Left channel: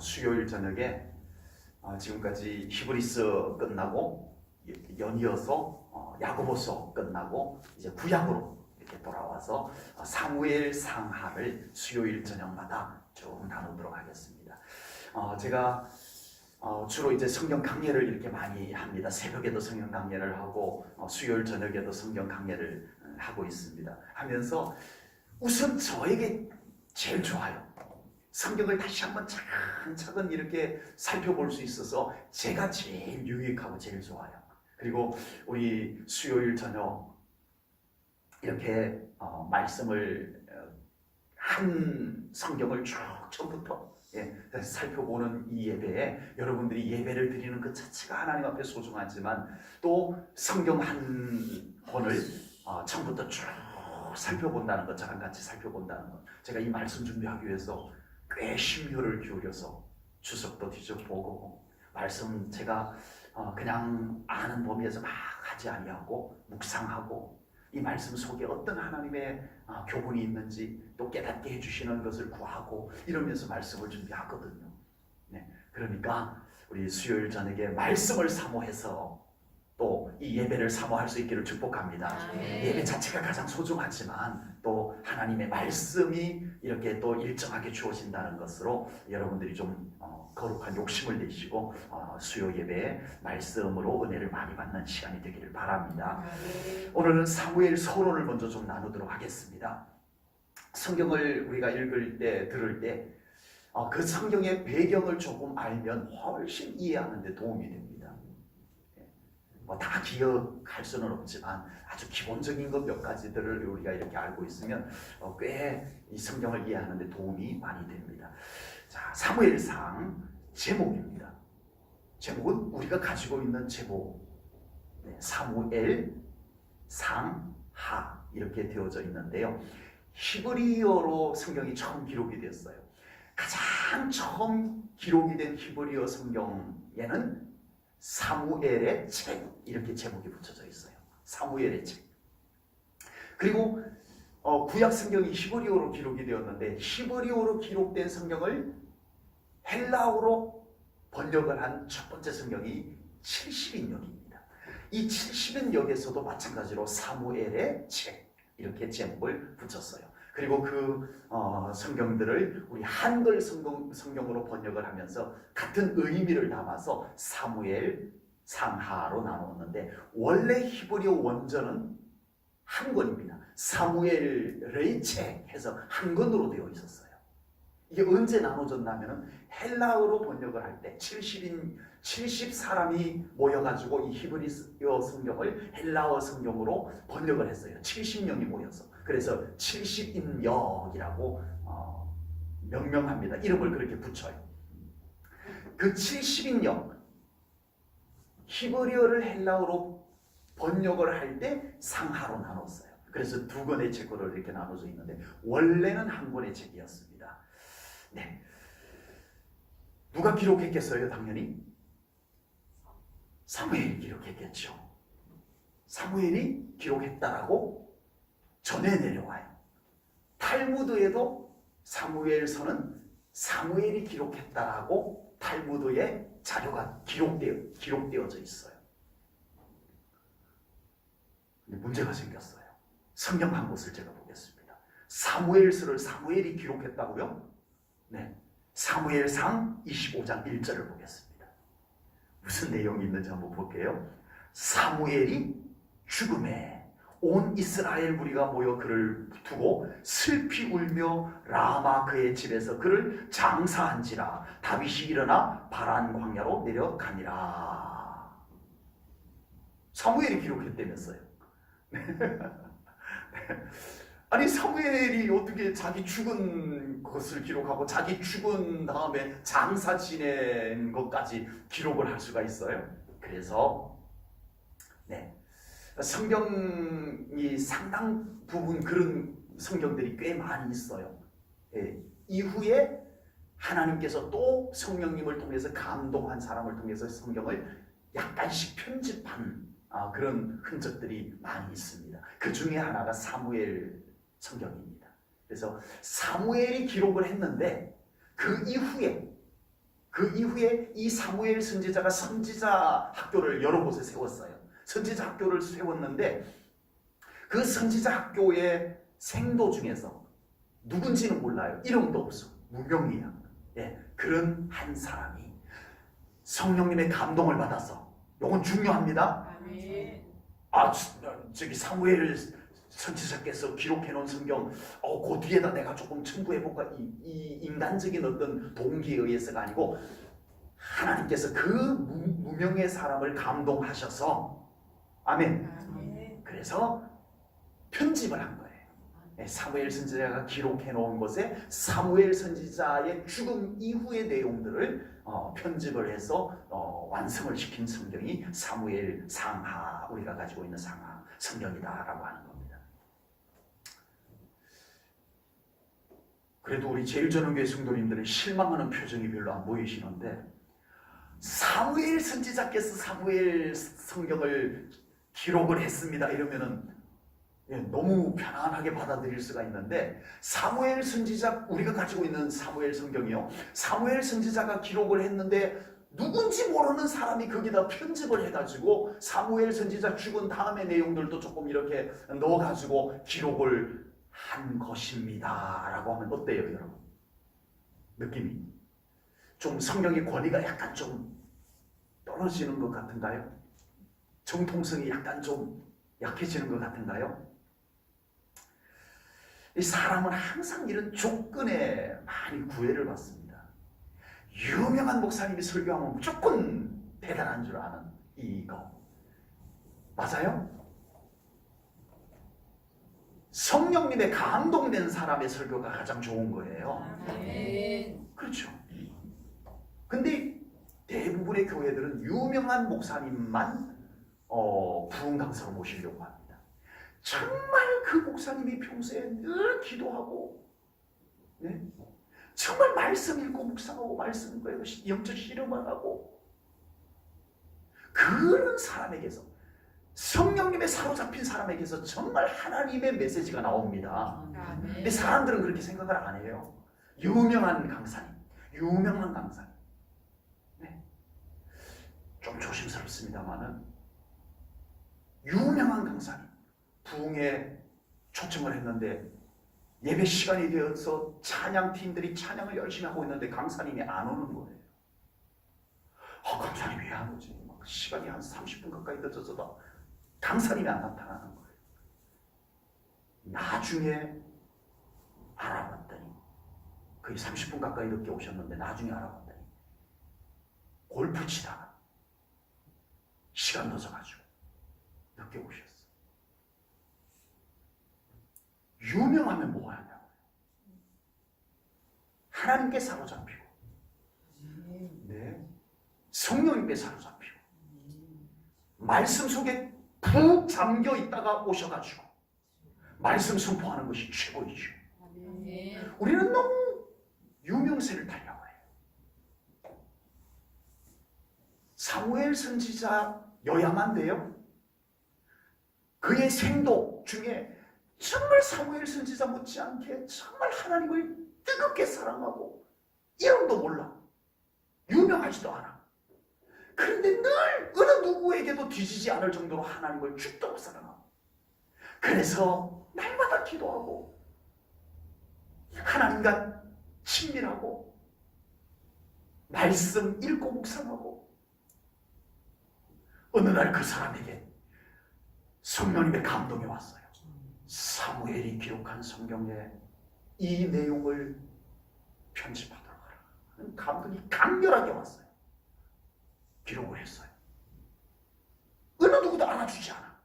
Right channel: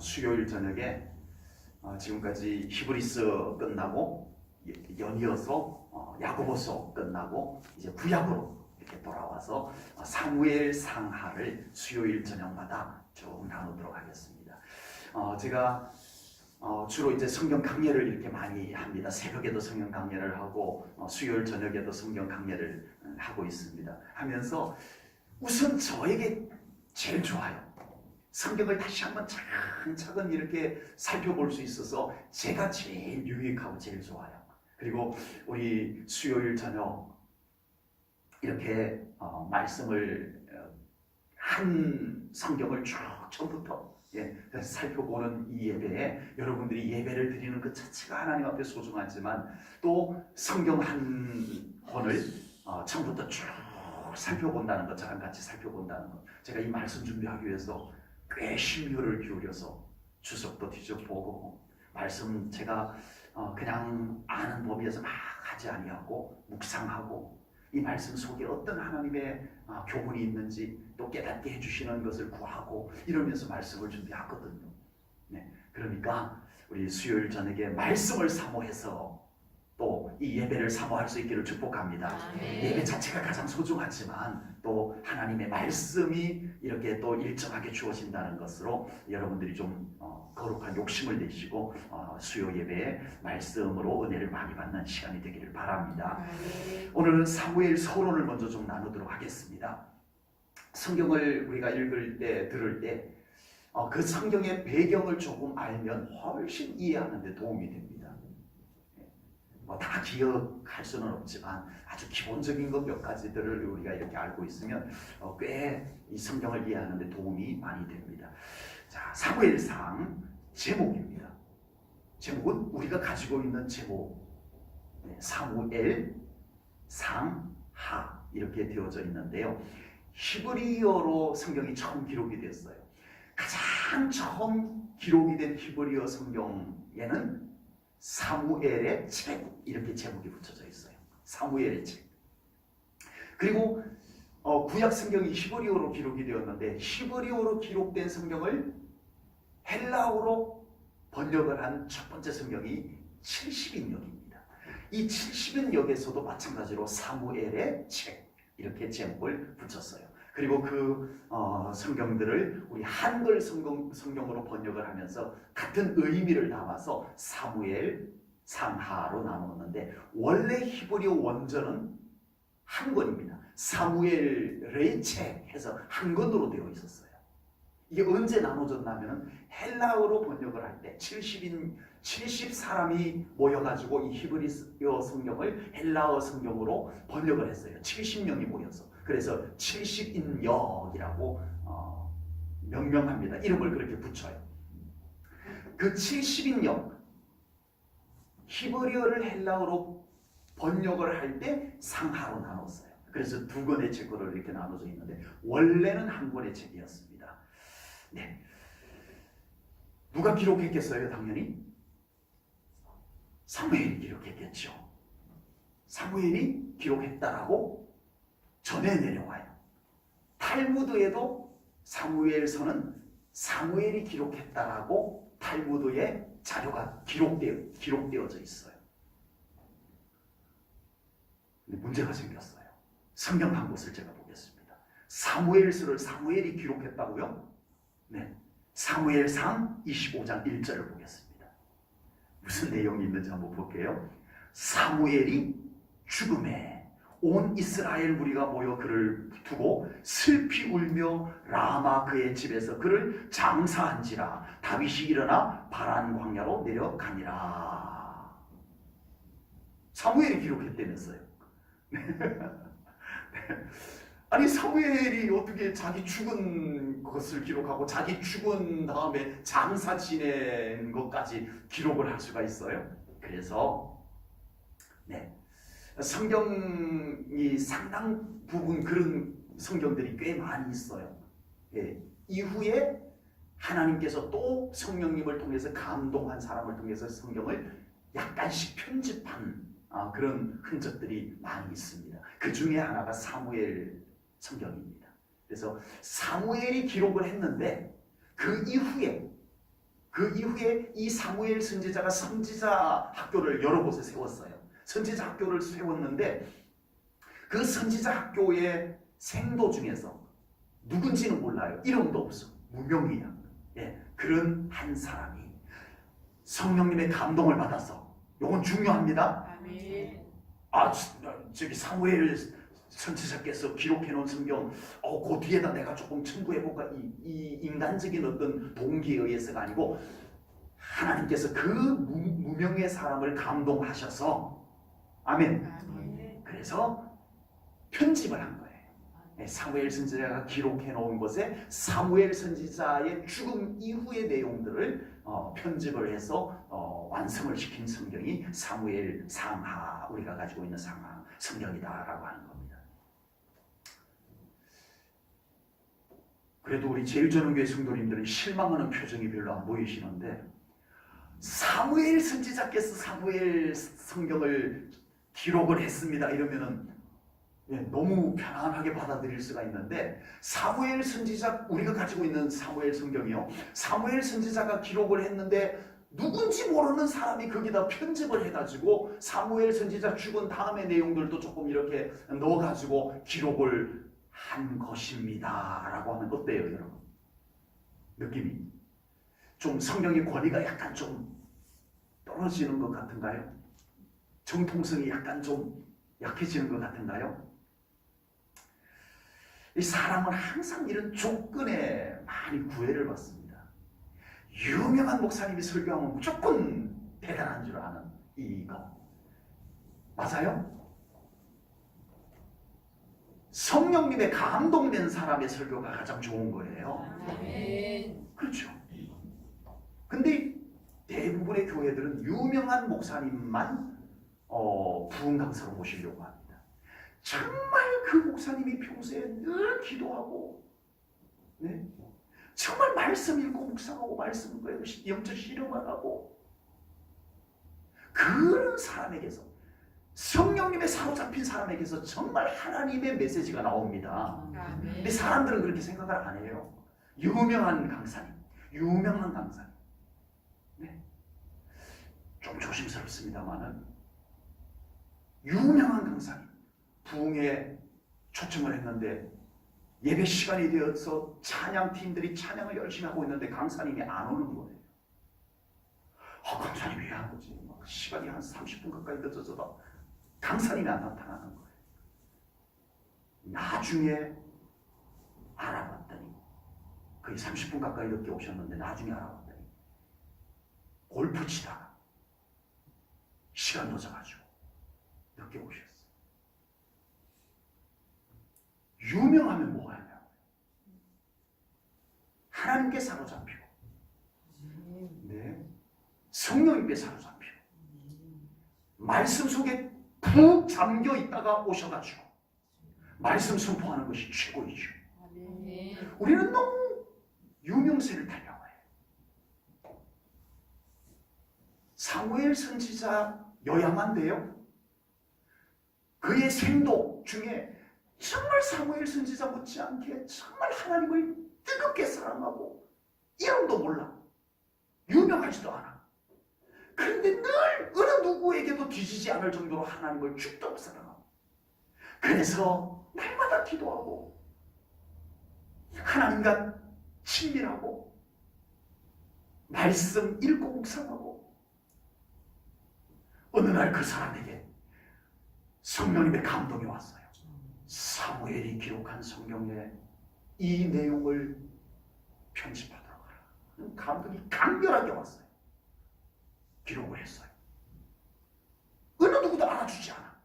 수요일 저녁에 지금까지 히브리스 끝나고 연이어서 야고보서 끝나고 이제 구약으로 이렇게 돌아와서 사무엘 상하를 수요일 저녁마다 쭉 나누도록 하겠습니다. 제가 주로 이제 성경 강예를 이렇게 많이 합니다. 새벽에도 성경 강예를 하고 수요일 저녁에도 성경 강예를 하고 있습니다. 하면서 우선 저에게 제일 좋아요. 성경을 다시 한번 차근차근 이렇게 살펴볼 수 있어서 제가 제일 유익하고 제일 좋아요. 그리고 우리 수요일 저녁 이렇게 말씀을 한 성경을 쭉 처음부터 살펴보는 이 예배에 여러분들이 예배를 드리는 그 자체가 하나님 앞에 소중하지만 또 성경 한 권을 처음부터 쭉 살펴본다는 것, 저랑 같이 살펴본다는 것, 제가 이 말씀 준비하기 위해서 꽤 심혈을 기울여서 주석도 뒤져보고 말씀 제가 그냥 아는 범위에서 막 하지 아니하고 묵상하고 이 말씀 속에 어떤 하나님의 교훈이 있는지 또 깨닫게 해주시는 것을 구하고 이러면서 말씀을 준비하거든요. 그러니까 우리 수요일 저녁에 말씀을 사모해서 또 이 예배를 사모할 수 있기를 축복합니다. 예배 자체가 가장 소중하지만 또 하나님의 말씀이 이렇게 또 일정하게 주어진다는 것으로 여러분들이 좀 거룩한 욕심을 내시고 수요 예배에 말씀으로 은혜를 많이 받는 시간이 되기를 바랍니다. 오늘은 사무엘 서론을 먼저 좀 나누도록 하겠습니다. 성경을 우리가 읽을 때 들을 때 그 성경의 배경을 조금 알면 훨씬 이해하는 데 도움이 됩니다. 다 기억할 수는 없지만 아주 기본적인 것 몇 가지들을 우리가 이렇게 알고 있으면 꽤 이 성경을 이해하는 데 도움이 많이 됩니다. 자, 사무엘상 제목입니다. 제목은 우리가 가지고 있는 제목, 사무엘 상하 이렇게 되어져 있는데요. 히브리어로 성경이 처음 기록이 됐어요. 가장 처음 기록이 된 히브리어 성경에는 사무엘의 책 이렇게 제목이 붙여져 있어요. 사무엘의 책. 그리고 구약 성경이 히브리어로 기록이 되었는데 히브리어로 기록된 성경을 헬라어로 번역을 한 첫 번째 성경이 70인역입니다. 이 70인역에서도 마찬가지로 사무엘의 책 이렇게 제목을 붙였어요. 그리고 그 성경들을 우리 한글 성경으로 번역을 하면서 같은 의미를 담아서 사무엘 상하로 나누었는데 원래 히브리어 원전은 한 권입니다. 사무엘의 책 해서 한 권으로 되어 있었어요. 이게 언제 나눠졌냐면 헬라어로 번역을 할 때 70사람이 모여가지고 이 히브리어 성경을 헬라어 성경으로 번역을 했어요. 70명이 모여서. 그래서 70인역이라고 명명합니다. 이름을 그렇게 붙여요. 그 70인역 히브리어를 헬라어로 번역을 할 때 상하로 나눴어요. 그래서 두 권의 책으로 이렇게 나눠져 있는데 원래는 한 권의 책이었습니다. 네. 누가 기록했겠어요? 당연히 사무엘이 기록했겠죠. 사무엘이 기록했다라고 전해 내려와요. 탈무드에도 사무엘서는 사무엘이 기록했다라고 탈무드에 자료가 기록되어져 있어요. 근데 문제가 생겼어요. 성경 한 곳을 제가 보겠습니다. 사무엘서를 사무엘이 기록했다고요? 네. 사무엘상 25장 1절을 보겠습니다. 무슨 내용이 있는지 한번 볼게요. 사무엘이 죽음에 온 이스라엘 무리가 모여 그를 두고 슬피 울며 라마 그의 집에서 그를 장사한지라 다윗이 일어나 바란 광야로 내려가니라. 사무엘이 기록했다면서요. 아니 사무엘이 어떻게 자기 죽은 것을 기록하고 자기 죽은 다음에 장사 지낸 것까지 기록을 할 수가 있어요? 그래서 성경이 상당 부분 그런 성경들이 꽤 많이 있어요. 이후에 하나님께서 또 성령님을 통해서 감동한 사람을 통해서 성경을 약간씩 편집한 그런 흔적들이 많이 있습니다. 그 중에 하나가 사무엘 성경입니다. 그래서 사무엘이 기록을 했는데 그 이후에 그 이후에 이 사무엘 선지자가 선지자 학교를 여러 곳에 세웠어요. 선지자 학교를 세웠는데 그 선지자 학교의 생도 중에서 누군지는 몰라요. 이름도 없어. 무명이야. 예, 그런 한 사람이 성령님의 감동을 받아서, 이건 중요합니다. 아멘. 저기 사무엘 선지자께서 기록해 놓은 성경, 그 뒤에다 내가 조금 첨부해볼까, 이 인간적인 어떤 동기에 의해서가 아니고 하나님께서 그 무명의 사람을 감동하셔서, 아멘. 아멘. 그래서 편집을 한 거예요. 사무엘 선지자가 기록해 놓은 것에 사무엘 선지자의 죽음 이후의 내용들을 편집을 해서 완성을 시킨 성경이 사무엘 상하, 우리가 가지고 있는 상하 성경이다라고 하는 겁니다. 그래도 우리 제일전원교회 성도님들은 실망하는 표정이 별로 안 보이시는데, 사무엘 선지자께서 사무엘 성경을 기록을 했습니다 이러면은 너무 편안하게 받아들일 수가 있는데, 사무엘 선지자, 우리가 가지고 있는 사무엘 성경이요, 사무엘 선지자가 기록을 했는데 누군지 모르는 사람이 거기다 편집을 해가지고 사무엘 선지자 죽은 다음의 내용들도 조금 이렇게 넣어가지고 기록을 한 것입니다 라고 하면 어때요 여러분? 느낌이 좀 성경의 권위가 약간 좀 떨어지는 것 같은가요? 정통성이 약간 좀 약해지는 것 같은가요? 이 사람은 항상 이런 조건에 많이 구애를 받습니다. 유명한 목사님이 설교하면 무조건 대단한 줄 아는 이거 맞아요? 성령님의 감동되는 사람의 설교가 가장 좋은 거예요. 아멘. 그렇죠. 근데 대부분의 교회들은 유명한 목사님만 부흥 강사로 모시려고 합니다. 정말 그 목사님이 평소에 늘 기도하고, 네? 정말 말씀 읽고 묵상하고 말씀 배우고 영적 실험을 하고, 그런 사람에게서, 성령님의 사로잡힌 사람에게서 정말 하나님의 메시지가 나옵니다. 근데 사람들은 그렇게 생각을 안 해요. 유명한 강사님, 유명한 강사님. 네. 좀 조심스럽습니다만은 유명한 강사님 부흥에 초청을 했는데 예배 시간이 되어서 찬양팀들이 찬양을 열심히 하고 있는데 강사님이 안 오는 거예요. 강사님이 왜 안 오지? 시간이 한 30분 가까이 늦어져도 강사님이 안 나타나는 거예요. 나중에 알아봤더니, 거의 30분 가까이 늦게 오셨는데 나중에 알아봤더니 골프 치다가 시간 늦어가지고 늦게 오셨어요. 유명하면 뭐하냐? 하나님께 사로잡히고, 네, 성령님께 사로잡히고, 말씀 속에 푹 잠겨 있다가 오셔가지고 말씀 선포하는 것이 최고이죠. 우리는 너무 유명세를 타려고 해요. 사무엘 선지자여야만 돼요. 그의 생도 중에 정말 사무엘 선지자 못지않게 정말 하나님을 뜨겁게 사랑하고, 이름도 몰라, 유명하지도 않아. 그런데 늘 어느 누구에게도 뒤지지 않을 정도로 하나님을 죽도록 사랑하고, 그래서 날마다 기도하고 하나님과 친밀하고 말씀 읽고 묵상하고, 어느 날 그 사람에게 성령님의 감동이 왔어요. 사무엘이 기록한 성경에 이 내용을 편집하도록 하라. 감동이 강렬하게 왔어요. 기록을 했어요. 어느 누구도 알아주지 않아.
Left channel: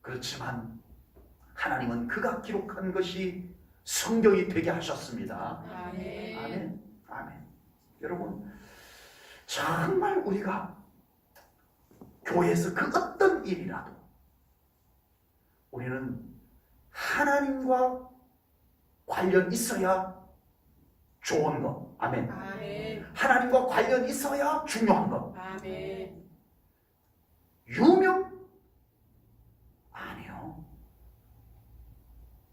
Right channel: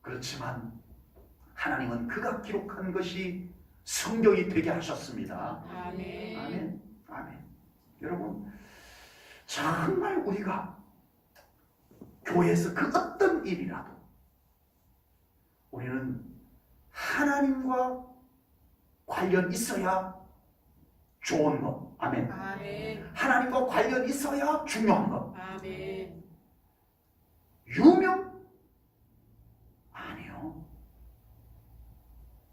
그렇지만 하나님은 그가 기록한 것이 성경이 되게 하셨습니다. 아멘. 아멘. 아멘. 여러분, 정말 우리가 교회에서 그 어떤 일이라도 우리는 하나님과 관련 있어야 좋은 것. 아멘. 아멘. 하나님과 관련 있어야 중요한 것. 아멘. 유명? 아니요.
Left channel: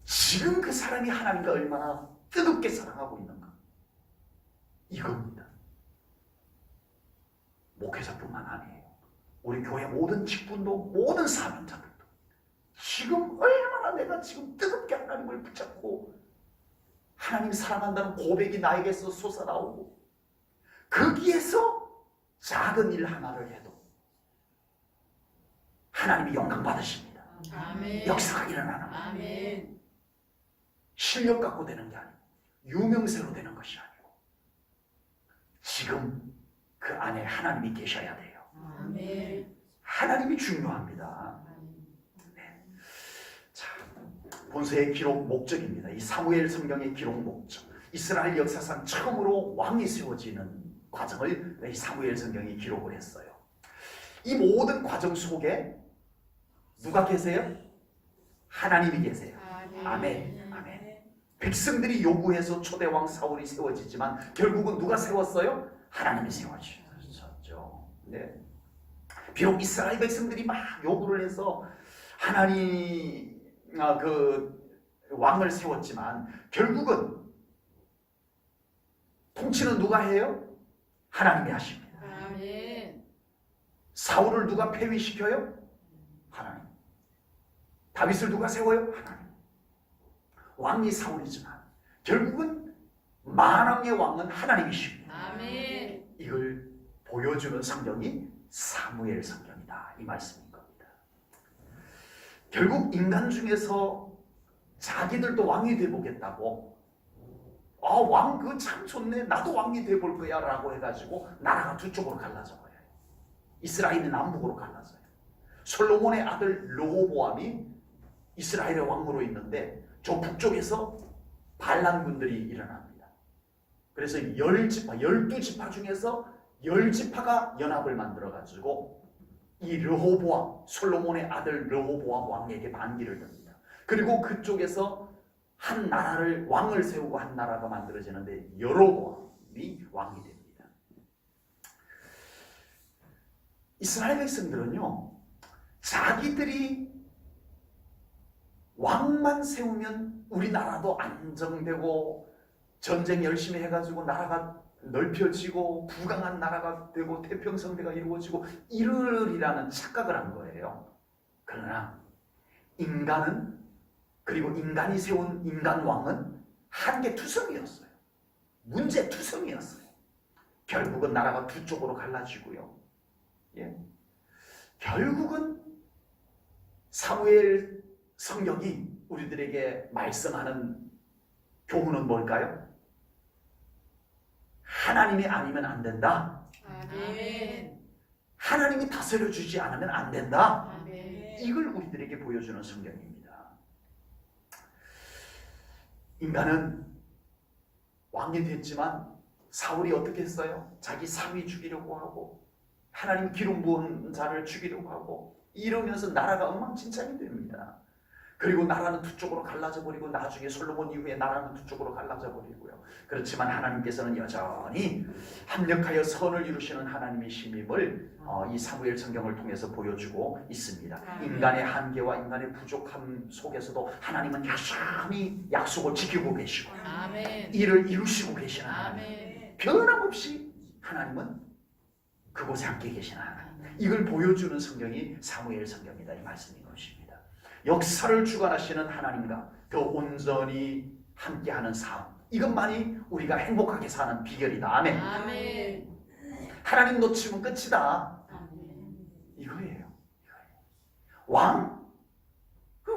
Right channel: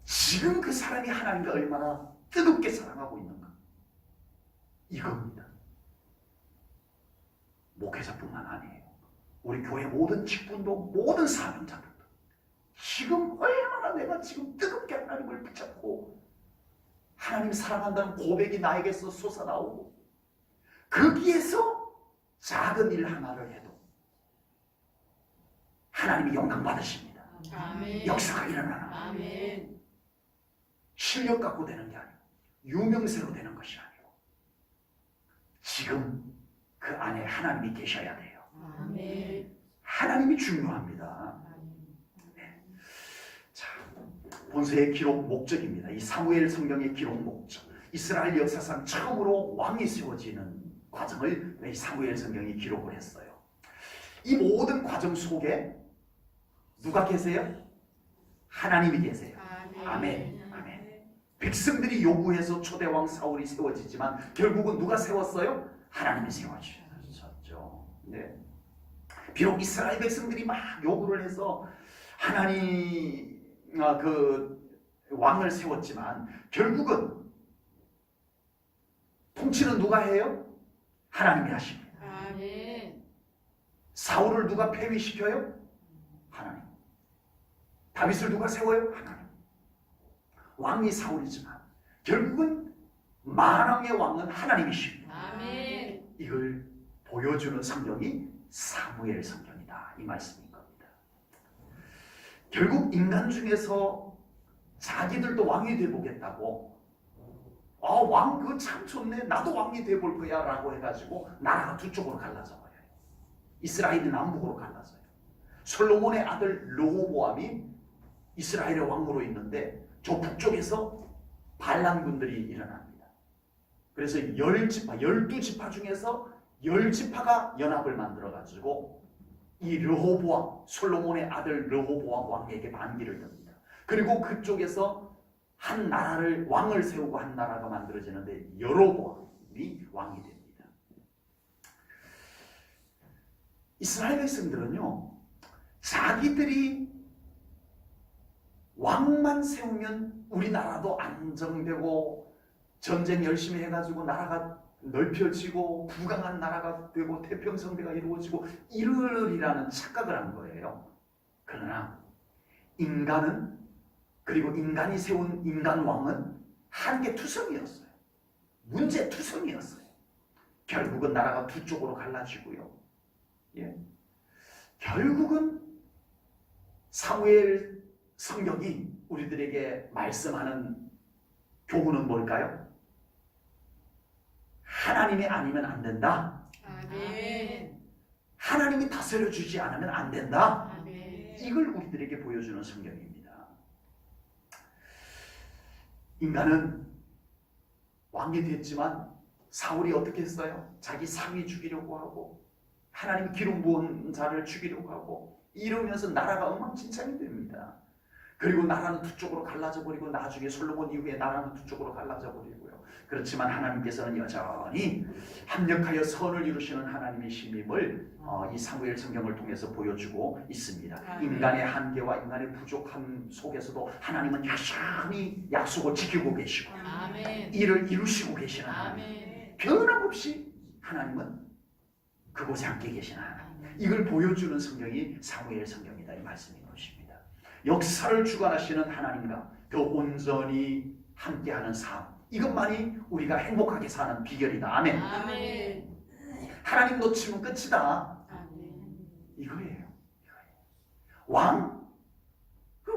지금 그 사람이 하나님과 얼마나 뜨겁게 사랑하고 있는가. 이겁니다. 목회자뿐만 아니에요. 우리 교회 모든 직분도 모든 사명자들도 지금 얼마나 내가 지금 뜨겁게 하나님을 붙잡고 하나님 사랑한다는 고백이 나에게서 솟아나오고 거기에서 작은 일 하나를 해도 하나님이 영광 받으십니다. 아멘. 역사가 일어나는 아멘. 실력 갖고 되는 게 아니고 유명세로 되는 것이 아니고 지금 그 안에 하나님이 계셔야 돼요. 아멘. 하나님이 중요합니다. 자, 본서의 기록 목적입니다. 이 사무엘 성경의 기록 목적. 이스라엘 역사상 처음으로 왕이 세워지는 과정을 이 사무엘 성경이 기록을 했어요. 이 모든 과정 속에 누가 계세요? 하나님이 계세요. 아멘. 아멘. 백성들이 요구해서 초대왕 사울이 세워지지만 결국은 누가 세웠어요? 하나님이 세워주셨죠. 네. 비록 이스라엘 백성들이 막 요구를 해서 하나님 그 왕을 세웠지만 결국은 통치는 누가 해요? 하나님이 하십니다. 아멘. 사울을 누가 폐위시켜요? 하나님. 다윗을 누가 세워요? 하나님. 왕이 사울이지만 결국은 만왕의 왕은 하나님이십니다. 아멘. 이걸 보여주는 성경이 사무엘 성경이다. 이 말씀인 겁니다. 결국 인간 중에서 자기들도 왕이 되보겠다고 왕 그거 참 좋네. 나도 왕이 돼볼 거야 라고 해가지고 나라가 두 쪽으로 갈라져 버려요. 이스라엘이 남북으로 갈라져요. 솔로몬의 아들 르호보암이 이스라엘의 왕으로 있는데 저 북쪽에서 반란군들이 일어납니다. 그래서 12지파 중에서 10지파가 연합을 만들어가지고 이 르호보암, 솔로몬의 아들 르호보암 왕에게 반기를 듭니다. 그리고 그쪽에서 한 나라를 왕을 세우고 한 나라가 만들어지는데 여로보암이 왕이 됩니다. 이스라엘 백성들은요, 자기들이 왕만 세우면 우리나라도 안정되고 전쟁 열심히 해가지고 나라가 넓혀지고 부강한 나라가 되고 태평성대가 이루어지고 이르리라는 착각을 한 거예요. 그러나 인간은, 그리고 인간이 세운 인간 왕은 한계투성이었어요. 문제투성이었어요. 결국은 나라가 두 쪽으로 갈라지고요. 예. 결국은 사무엘 성경이 우리들에게 말씀하는 교훈은 뭘까요? 하나님이 아니면 안 된다. 아멘. 하나님이 다스려 주지 않으면 안 된다. 아멘. 이걸 우리들에게 보여주는 성경입니다. 인간은 왕이 됐지만 사울이 어떻게 했어요? 자기 사위 죽이려고 하고 하나님 기름 부은 자를 죽이려고 하고 이러면서 나라가 엉망진창이 됩니다. 그리고 나라는 두 쪽으로 갈라져 버리고 나중에 솔로몬 이후에 나라는 두 쪽으로 갈라져 버리고요. 그렇지만 하나님께서는 여전히 합력하여 선을 이루시는 하나님의 신임을 이 사무엘 성경을 통해서 보여주고 있습니다. 인간의 한계와 인간의 부족함 속에서도 하나님은 여전히 약속을 지키고 계시고 아멘. 이를 이루시고 계시는 하나님. 아멘. 변함없이 하나님은 그곳에 함께 계시는 하나님. 이걸 보여주는 성경이 사무엘 성경이다. 이 말씀인 것입니다. 역사를 주관하시는 하나님과 더 온전히 함께하는 삶, 이것만이 우리가 행복하게 사는 비결이다. 아멘. 아멘. 하나님 놓치면 끝이다. 아멘. 이거예요. 왕?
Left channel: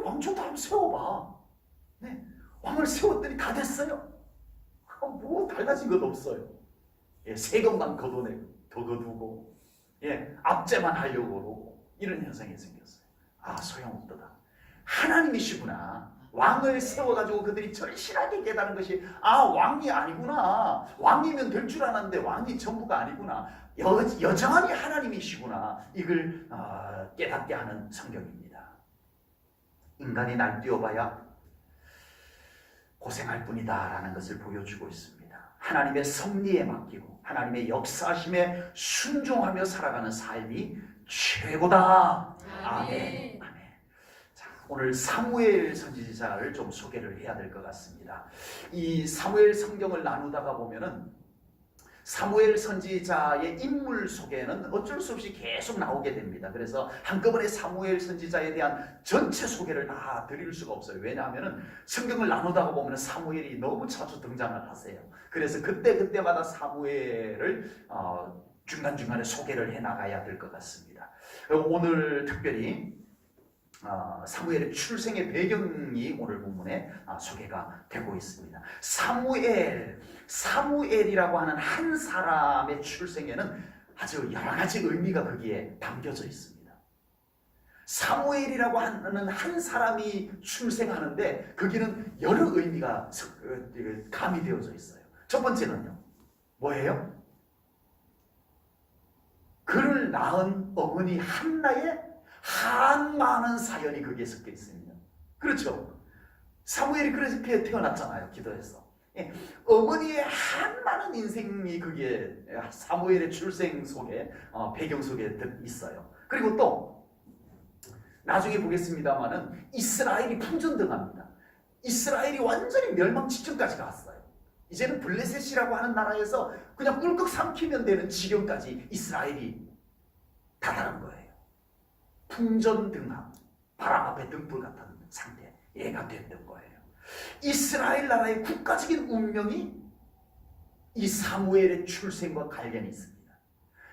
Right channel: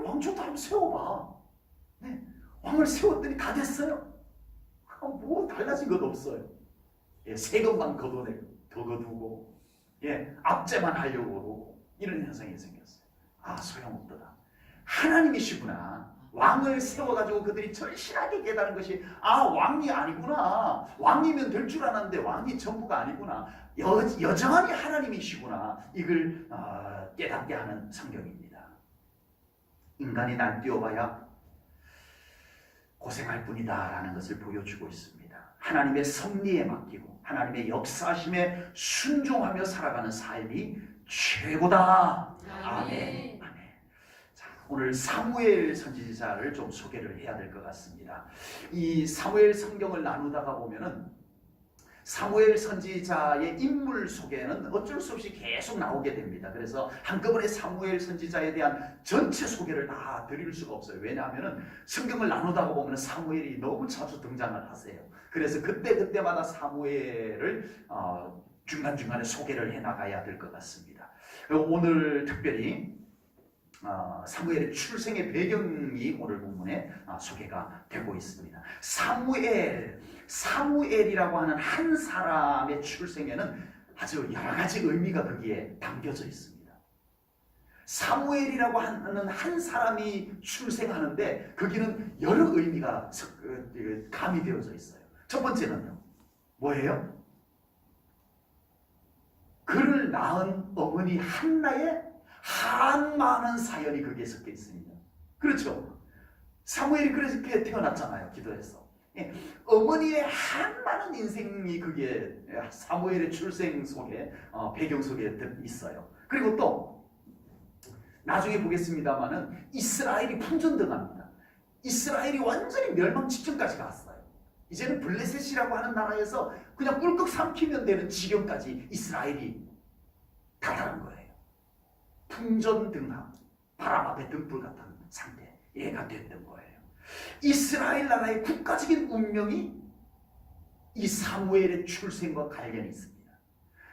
왕 좋다 한번 세워봐. 네. 왕을 세웠더니 다 됐어요. 뭐 달라진 것 없어요. 예, 세금만 더 거두고 압제만 하려고 그러고 이런 현상이 생겼어요. 소용없더라. 하나님이시구나. 왕을 세워가지고 그들이 절실하게 깨달은 것이 왕이 아니구나. 왕이면 될 줄 알았는데 왕이 전부가 아니구나. 여전히 하나님이시구나. 이걸 깨닫게 하는 성경입니다. 인간이 날뛰어봐야 고생할 뿐이다라는 것을 보여주고 있습니다. 하나님의 섭리에 맡기고 하나님의 역사심에 순종하며 살아가는 삶이 최고다. 아멘. 자, 오늘 사무엘 선지자를 좀 소개를 해야 될 것 같습니다. 이 사무엘 성경을 나누다가 보면은 사무엘 선지자의 인물 소개는 어쩔 수 없이 계속 나오게 됩니다. 그래서 한꺼번에 사무엘 선지자에 대한 전체 소개를 다 드릴 수가 없어요. 왜냐하면 성경을 나누다가 보면 사무엘이 너무 자주 등장을 하세요. 그래서 그때마다 사무엘을 중간중간에 소개를 해나가야 될 것 같습니다. 오늘 특별히 사무엘의 출생의 배경이 오늘 본문에 소개가 되고 있습니다. 사무엘이라고 하는 한 사람의 출생에는 아주 여러 가지 의미가 거기에 담겨져 있습니다. 사무엘이라고 하는 한 사람이 출생하는데 거기는 여러 의미가 가미되어져 있어요. 첫 번째는요, 뭐예요? 그를 낳은 어머니 한나의 한많은 사연이 거기에 섞여 있습니다. 그렇죠? 사무엘이 그렇게 태어났잖아요. 기도해서. 어머니의 한많은 인생이 거기에 사무엘의 출생 속에 배경 속에 있어요. 그리고 또 나중에 보겠습니다만은 이스라엘이 풍전등합니다. 이스라엘이 완전히 멸망 직전까지 갔어요. 이제는 블레셋이라고 하는 나라에서 그냥 꿀꺽 삼키면 되는 지경까지 이스라엘이 다다른 거예요. 풍전등함, 바람 앞에 등불 같은 상태가 됐던 거예요. 이스라엘 나라의 국가적인 운명이 이 사무엘의 출생과 관련이 있습니다.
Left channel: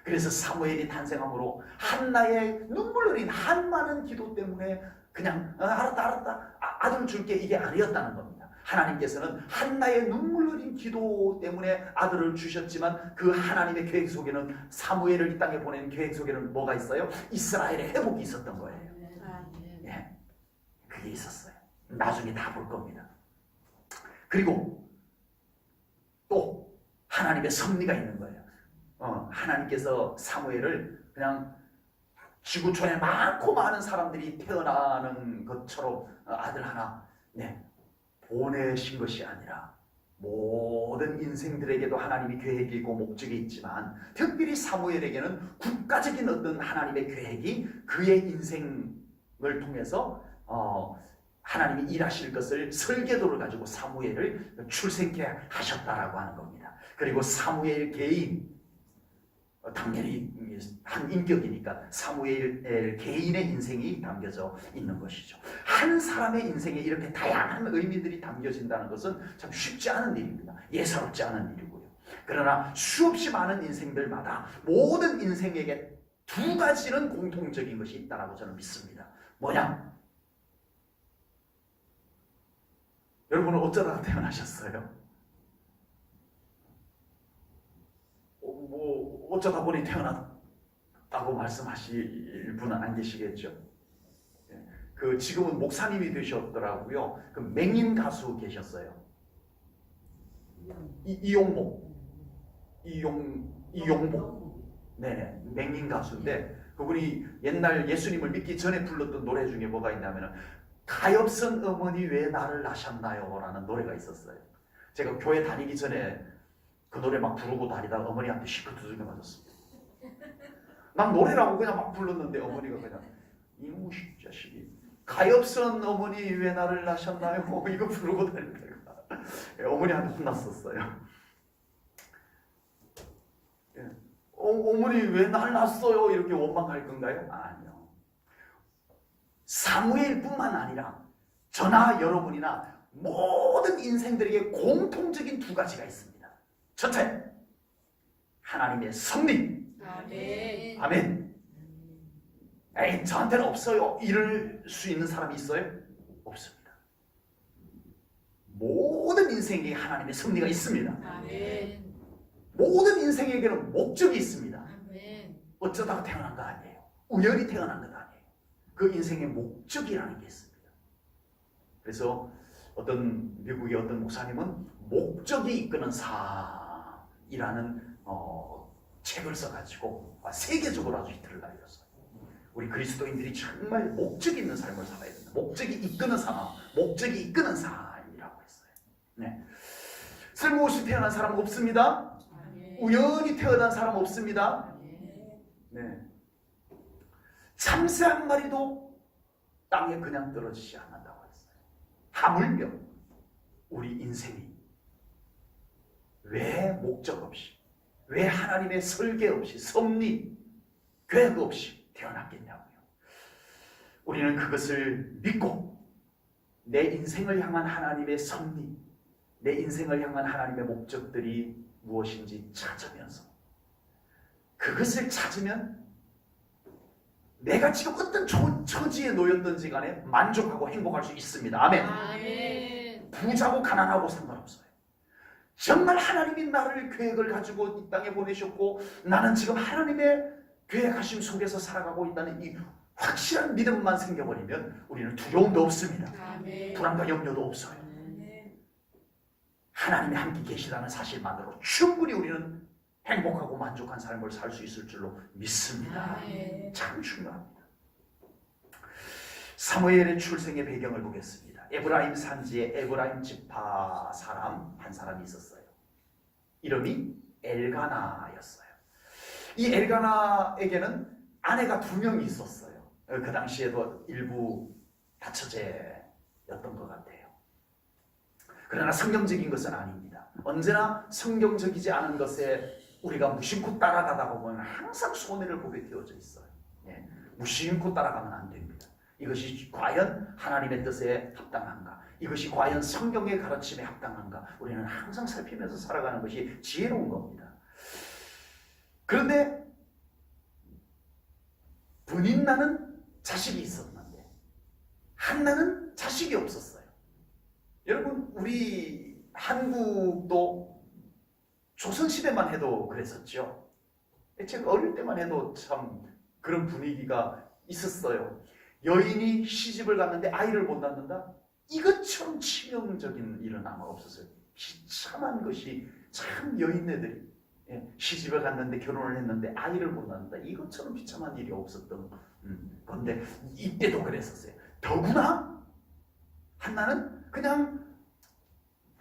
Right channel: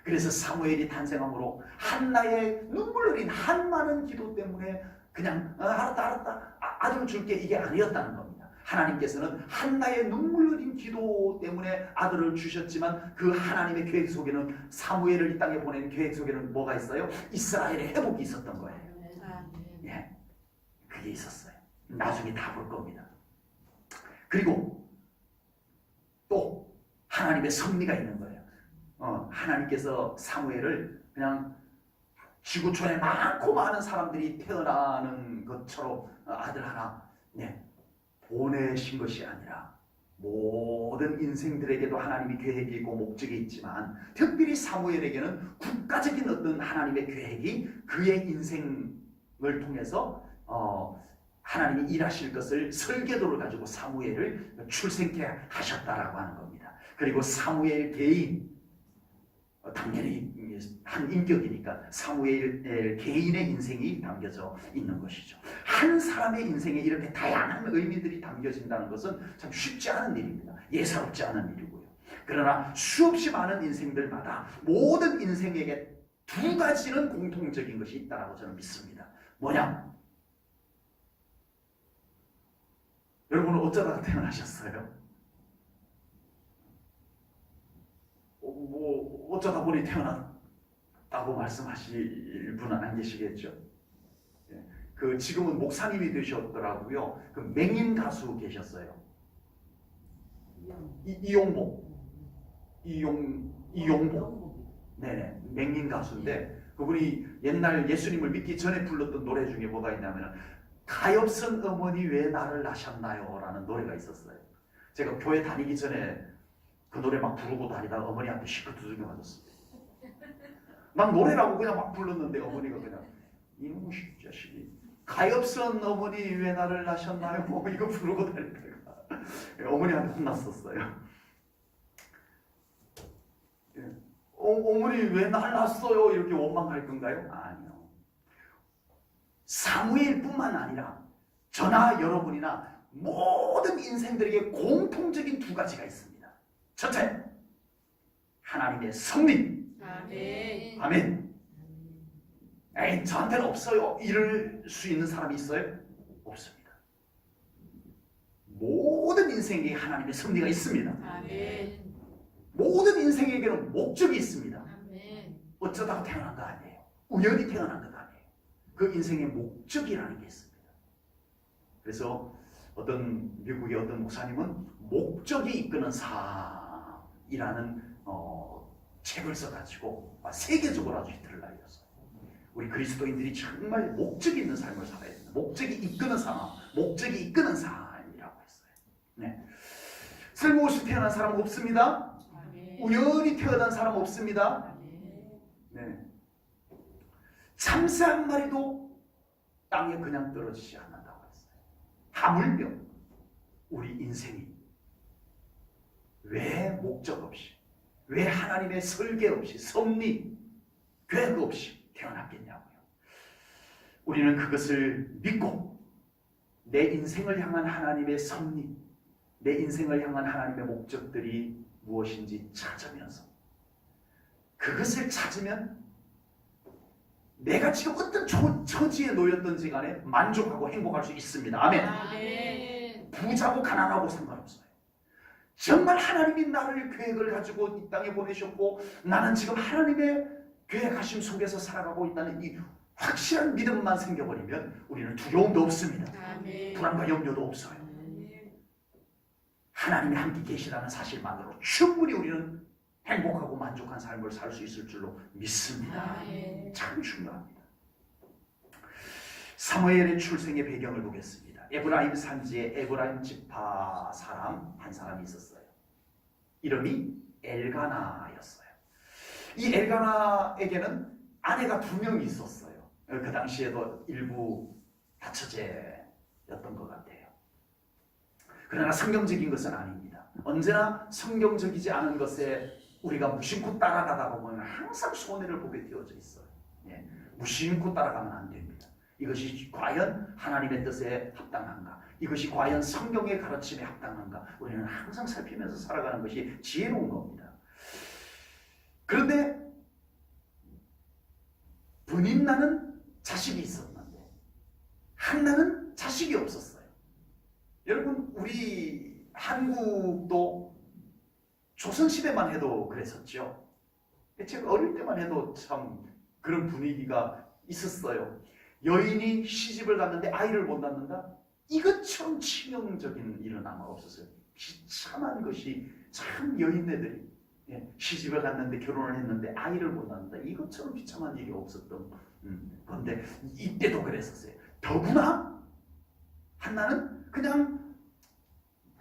그래서 사무엘이 탄생함으로 한나의 눈물 흘린 한많은 기도 때문에 그냥 알았다 아들 줄게 이게 아니었다는 겁니다. 하나님께서는 한나의 눈물 흘린 기도 때문에 아들을 주셨지만 그 하나님의 계획 속에는 사무엘을 이 땅에 보내는 계획 속에는 뭐가 있어요? 이스라엘의 회복이 있었던 거예요. 예, 그게 있었어요. 나중에 다 볼 겁니다. 그리고 또 하나님의 섭리가 있는 거예요. 하나님께서 사무엘을 그냥 지구촌에 많고 많은 사람들이 태어나는 것처럼 아들 하나 보내신 것이 아니라 모든 인생들에게도 하나님이 계획이 있고 목적이 있지만 특별히 사무엘에게는 국가적인 어떤 하나님의 계획이 그의 인생을 통해서 하나님이 일하실 것을 설계도를 가지고 사무엘을 출생케 하셨다라고 하는 겁니다. 그리고 사무엘 개인, 당연히 한 인격이니까 사무엘 개인의 인생이 담겨져 있는 것이죠. 한 사람의 인생에 이렇게 다양한 의미들이 담겨진다는 것은 참 쉽지 않은 일입니다. 예사롭지 않은 일이고요. 그러나 수없이 많은 인생들마다 모든 인생에게 두 가지는 공통적인 것이 있다고 저는 믿습니다. 뭐냐? 여러분은 어쩌다가 태어나셨어요? 어쩌다 보니 태어났다고 말씀하실 분은 안 계시겠죠? 지금은 목사님이 되셨더라고요. 그 맹인 가수 계셨어요. 이용복. 네네, 맹인 가수인데 그분이 옛날 예수님을 믿기 전에 불렀던 노래 중에 뭐가 있냐면 가엾은 어머니 왜 나를 낳으셨나요? 라는 노래가 있었어요. 제가 교회 다니기 전에 그 노래 막 부르고 다니다가 어머니한테 시끄러워지게 맞았어요. 난 노래라고 그냥 막 불렀는데 어머니가 그냥 이놈의 자식이 가엾은 어머니 왜 나를 낳으셨나요? 이거 부르고 다니다가 어머니한테 혼났었어요. 어머니 왜 날 낳았어요? 이렇게 원망할 건가요? 아니요. 사무엘뿐만 아니라 저나 여러분이나 모든 인생들에게 공통적인 두 가지가 있습니다. 첫째, 하나님의 섭리. 아멘. 아멘. 에이, 저한테는 없어요. 이럴 수 있는 사람이 있어요? 없습니다. 모든 인생에 하나님의 섭리가 있습니다. 아멘. 모든 인생에게는 목적이 있습니다. 아멘. 어쩌다가 태어난 거 아니에요. 우연히 태어난 것 아니에요. 그 인생의 목적이라는 게 있습니다. 그래서 어떤 미국의 어떤 목사님은 목적이 이끄는 삶이라는 책을 써가지고 세계적으로 아주 히트를 날렸어요. 우리 그리스도인들이 정말 목적 있는 삶을 살아야 된다. 목적이 이끄는 삶, 목적이 이끄는 삶이라고 했어요. 네. 쓸모없이 태어난 사람 없습니다. 아멘. 우연히 태어난 사람 없습니다. 아멘. 네. 참새 한 마리도 땅에 그냥 떨어지지 않는다고 했어요. 하물며 우리 인생이 왜 목적 없이, 왜 하나님의 설계 없이 섭리, 계획 없이 태어났겠냐고요. 우리는 그것을 믿고 내 인생을 향한 하나님의 섭리, 내 인생을 향한 하나님의 목적들이 무엇인지 찾으면서 그것을 찾으면 내가 지금 어떤 처지에 놓였든지 간에 만족하고 행복할 수 있습니다. 아멘. 아멘. 부자고 가난하고 상관없어요. 정말 하나님이 나를 계획을 가지고 이 땅에 보내셨고 나는 지금 하나님의 계획하심 속에서 살아가고 있다는 이 확실한 믿음만 생겨버리면 우리는 두려움도 없습니다. 아멘. 불안과 염려도 없어요. 아멘. 하나님이 함께 계시다는 사실만으로 충분히 우리는 행복하고 만족한 삶을 살 수 있을 줄로 믿습니다. 아멘. 참 중요합니다. 사무엘의 출생의 배경을 보겠습니다. 에브라임 산지에 에브라임 지파 사람 한 사람이 있었어요. 이름이 엘가나였어요. 이 엘가나에게는 아내가 2명이 있었어요. 그 당시에도 일부 다처제였던 것 같아요. 그러나 성경적인 것은 아닙니다. 언제나 성경적이지 않은 것에 우리가 무심코 따라가다 보면 항상 손해를 보게 되어져 있어요. 예, 무심코 따라가면 안 됩니다. 이것이 과연 하나님의 뜻에 합당한가? 이것이 과연 성경의 가르침에 합당한가? 우리는 항상 살피면서 살아가는 것이 지혜로운 겁니다. 그런데 분인나는 자식이 있었는데 한나는 자식이 없었어요. 여러분 우리 한국도 조선시대만 해도 그랬었죠. 제가 어릴 때만 해도 참 그런 분위기가 있었어요. 여인이 시집을 갔는데 아이를 못 낳는다? 이것처럼 치명적인 일은 아마 없었어요. 비참한 것이 참 여인네들이 시집을 갔는데 결혼을 했는데 아이를 못 낳는다. 이것처럼 비참한 일이 없었던 건데 이때도 그랬었어요. 더구나 한나는 그냥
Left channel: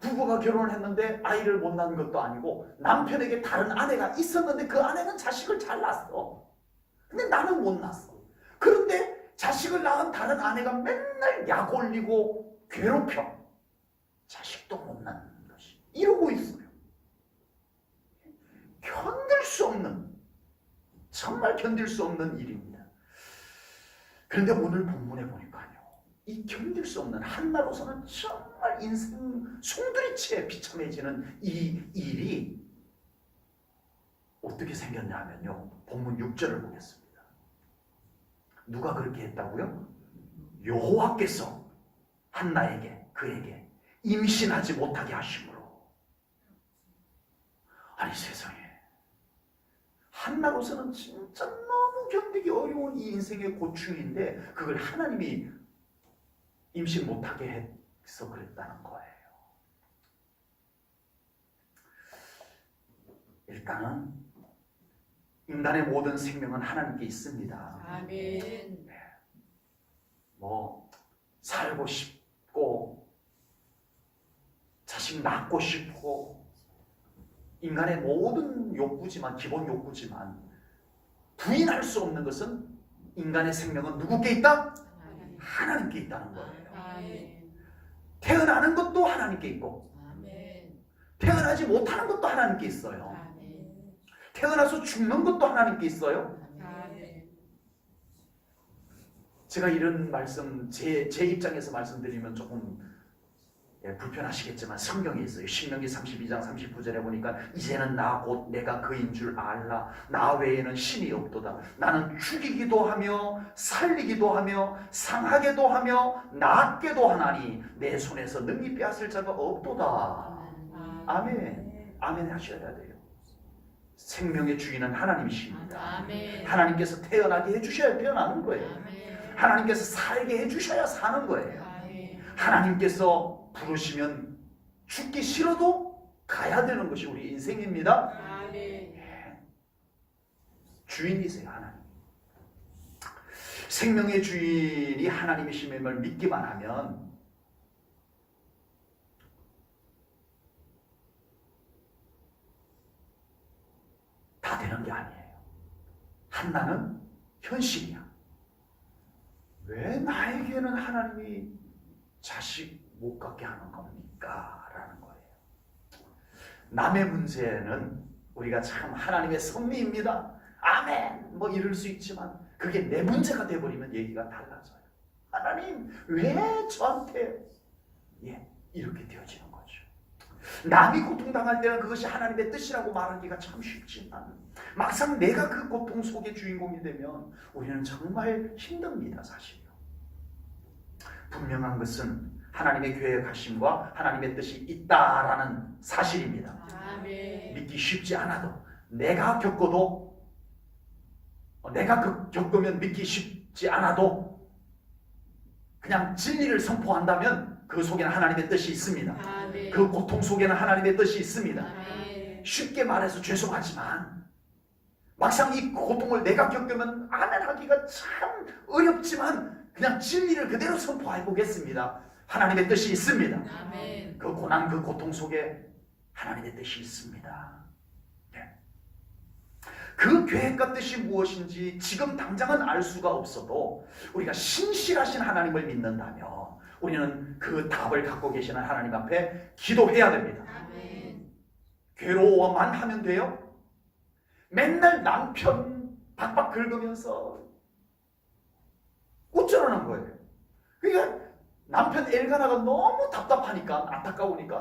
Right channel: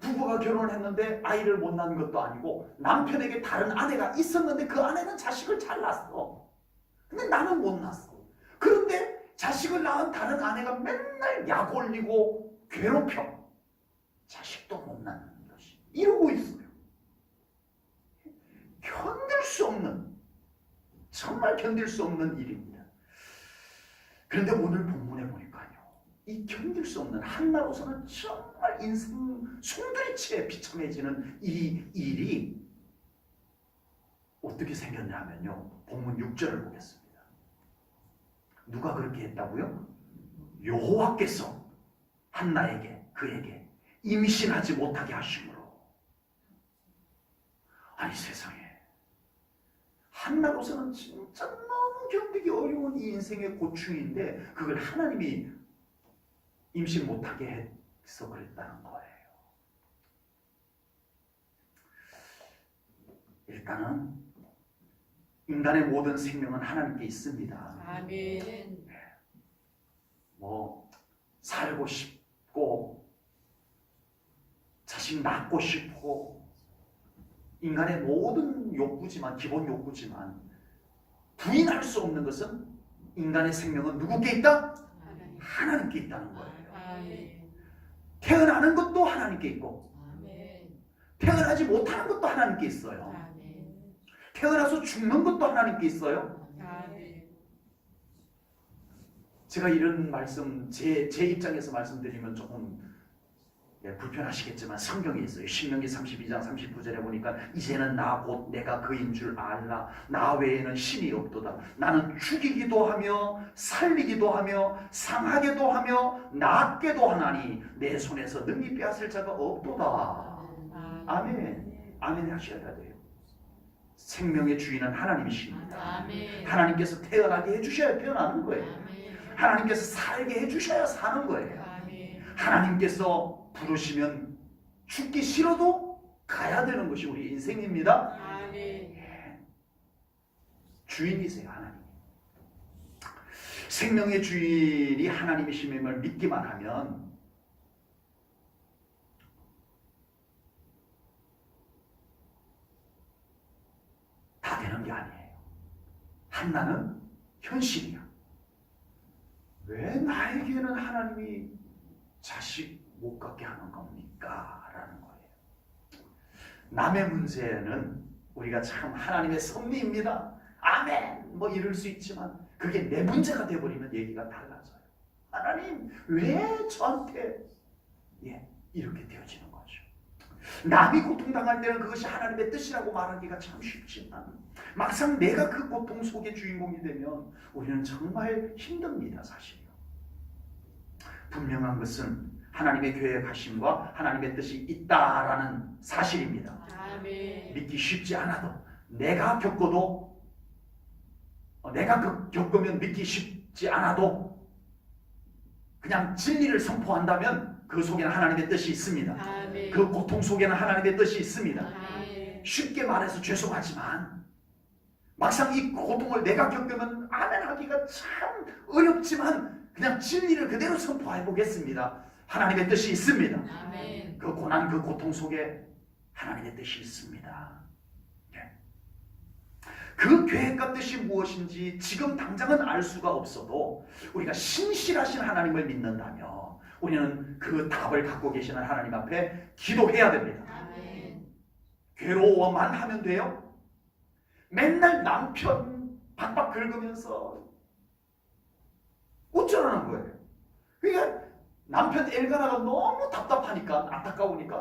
부부가 결혼을 했는데 아이를 못 낳은 것도 아니고 남편에게 다른 아내가 있었는데 그 아내는 자식을 잘 낳았어. 근데 나는 못 낳았어. 그런데 자식을 낳은 다른 아내가 맨날 약 올리고 괴롭혀. 자식도 못 낳는 것이. 이러고 있어요. 견딜 수 없는, 정말 견딜 수 없는 일입니다. 그런데 오늘 본문에 보니까요. 이 견딜 수 없는 한나로서는 정말 인생 송두리째 비참해지는 이 일이 어떻게 생겼냐면요. 본문 6절을 보겠습니다. 누가 그렇게 했다고요? 여호와께서 한나에게 그에게 임신하지 못하게 하심으로. 아니 세상에 한나로서는 진짜 너무 견디기 어려운 이 인생의 고충인데 그걸 하나님이 임신 못하게 해서 그랬다는 거예요. 일단은 인간의 모든 생명은 하나님께 있습니다. 아멘. 뭐 살고 싶고 자식 낳고 싶고 인간의 모든 욕구지만 기본 욕구지만 부인할 수 없는 것은 인간의 생명은 누구께 있다? 하나님께 있다는 거예요. 아멘. 태어나는 것도 하나님께 있고 아멘. 태어나지 못하는 것도 하나님께 있어요. 아멘. 태어나서 죽는 것도 하나님께 있어요. 아멘. 제가 이런 말씀 제 입장에서 말씀드리면 조금 불편하시겠지만 성경에 있어요. 신명기 32장 39절에 보니까 이제는 나 곧 내가 그인 줄 알라. 나 외에는 신이 없도다. 나는 죽이기도 하며 살리기도 하며 상하게도 하며 낫게도 하나니 내 손에서 능히 빼앗을 자가 없도다. 아멘. 아멘 하셔야 돼요. 생명의 주인은 하나님이십니다. 아멘. 하나님께서 태어나게 해주셔야 태어나는 거예요. 아멘. 하나님께서 살게 해주셔야 사는 거예요. 아멘. 하나님께서 부르시면 죽기 싫어도 가야 되는 것이 우리 인생입니다. 아멘. 주인이세요, 하나님. 생명의 주인이 하나님이심을 믿기만 하면 다 되는 게 아니에요. 한나는 현실이야. 왜 나에게는 하나님이 자식 못 갖게 하는 겁니까? 라는 거예요. 남의 문제는 우리가 참 하나님의 섭리입니다. 아멘. 뭐 이럴 수 있지만 그게 내 문제가 돼버리면 얘기가 달라져요. 하나님 왜 저한테 이렇게 되어지는 거죠. 남이 고통당할 때는 그것이 하나님의 뜻이라고 말하기가 참 쉽지만 막상 내가 그 고통 속의 주인공이 되면 우리는 정말 힘듭니다. 사실요. 분명한 것은 하나님의 계획하심과 하나님의 뜻이 있다라는 사실입니다. 아멘. 믿기 쉽지 않아도 내가 겪어도 내가 겪으면 믿기 쉽지 않아도 그냥 진리를 선포한다면 그 속에는 하나님의 뜻이 있습니다. 아멘. 그 고통 속에는 하나님의 뜻이 있습니다. 아멘. 쉽게 말해서 죄송하지만 막상 이 고통을 내가 겪으면 아멘하기가 참 어렵지만 그냥 진리를 그대로 선포해 보겠습니다. 하나님의 뜻이 있습니다. 아멘. 그 고난 그 고통 속에 하나님의 뜻이 있습니다. 그 계획과 뜻이 무엇인지 지금 당장은 알 수가 없어도 우리가 신실하신 하나님을 믿는다면 우리는 그 답을 갖고 계시는 하나님 앞에 기도해야 됩니다. 아멘. 괴로워만 하면 돼요? 맨날 남편 박박 긁으면서 어쩌라는 거예요. 그러니까 남편 엘가나가 너무 답답하니까 안타까우니까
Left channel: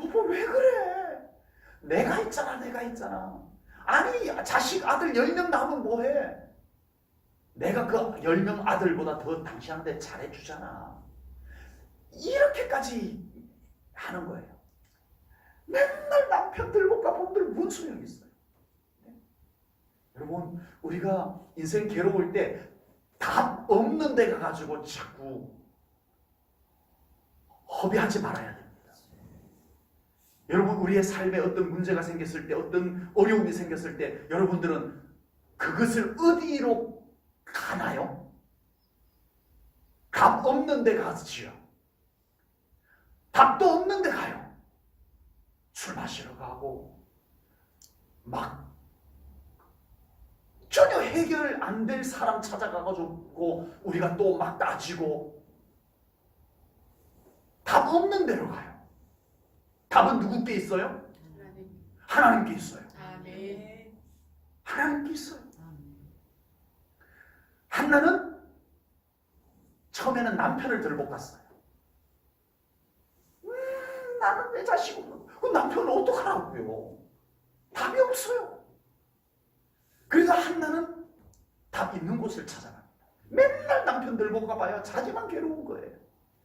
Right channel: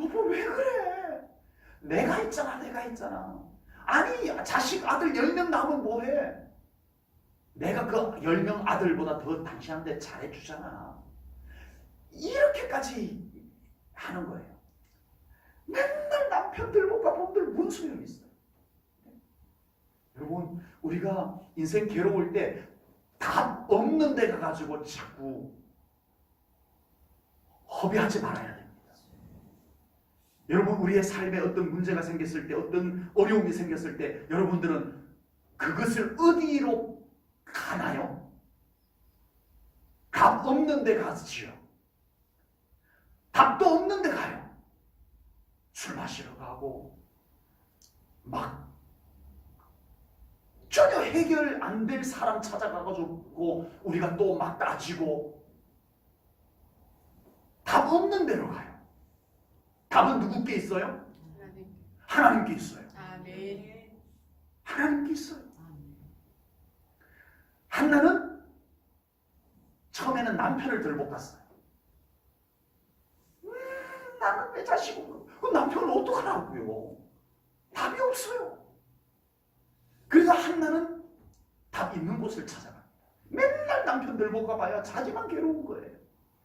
여보 왜 그래? 내가 있잖아. 아니 자식 아들 10명 낳으면 뭐해? 내가 그 10명 아들보다 더 당신한테 잘해주잖아. 이렇게까지 하는 거예요. 맨날 남편들 가본들 뭔 소용이 있어요? 여러분 우리가 인생 괴로울 때 답 없는 데 가가지고 자꾸 허비하지 말아야 됩니다. 여러분 우리의 삶에 어떤 문제가 생겼을 때 어떤 어려움이 생겼을 때 여러분들은 그것을 어디로 가나요? 답 없는 데 가지요. 답도 없는 데 가요. 술 마시러 가고 막 전혀 해결 안 될 사람 찾아가가지고 우리가 또 막 따지고 답 없는 데로 가요. 답은 누구께 있어요? 하나님께 있어요. 아멘. 하나님께 있어요. 한나는 처음에는 남편을 들볶았어요. 나는 내 자식은 그 남편을 어떡하라고요? 답이 없어요. 그래서 한나는 답 있는 곳을 찾아갑니다. 맨날 남편 들볶아봐야 자기만 괴로운 거예요.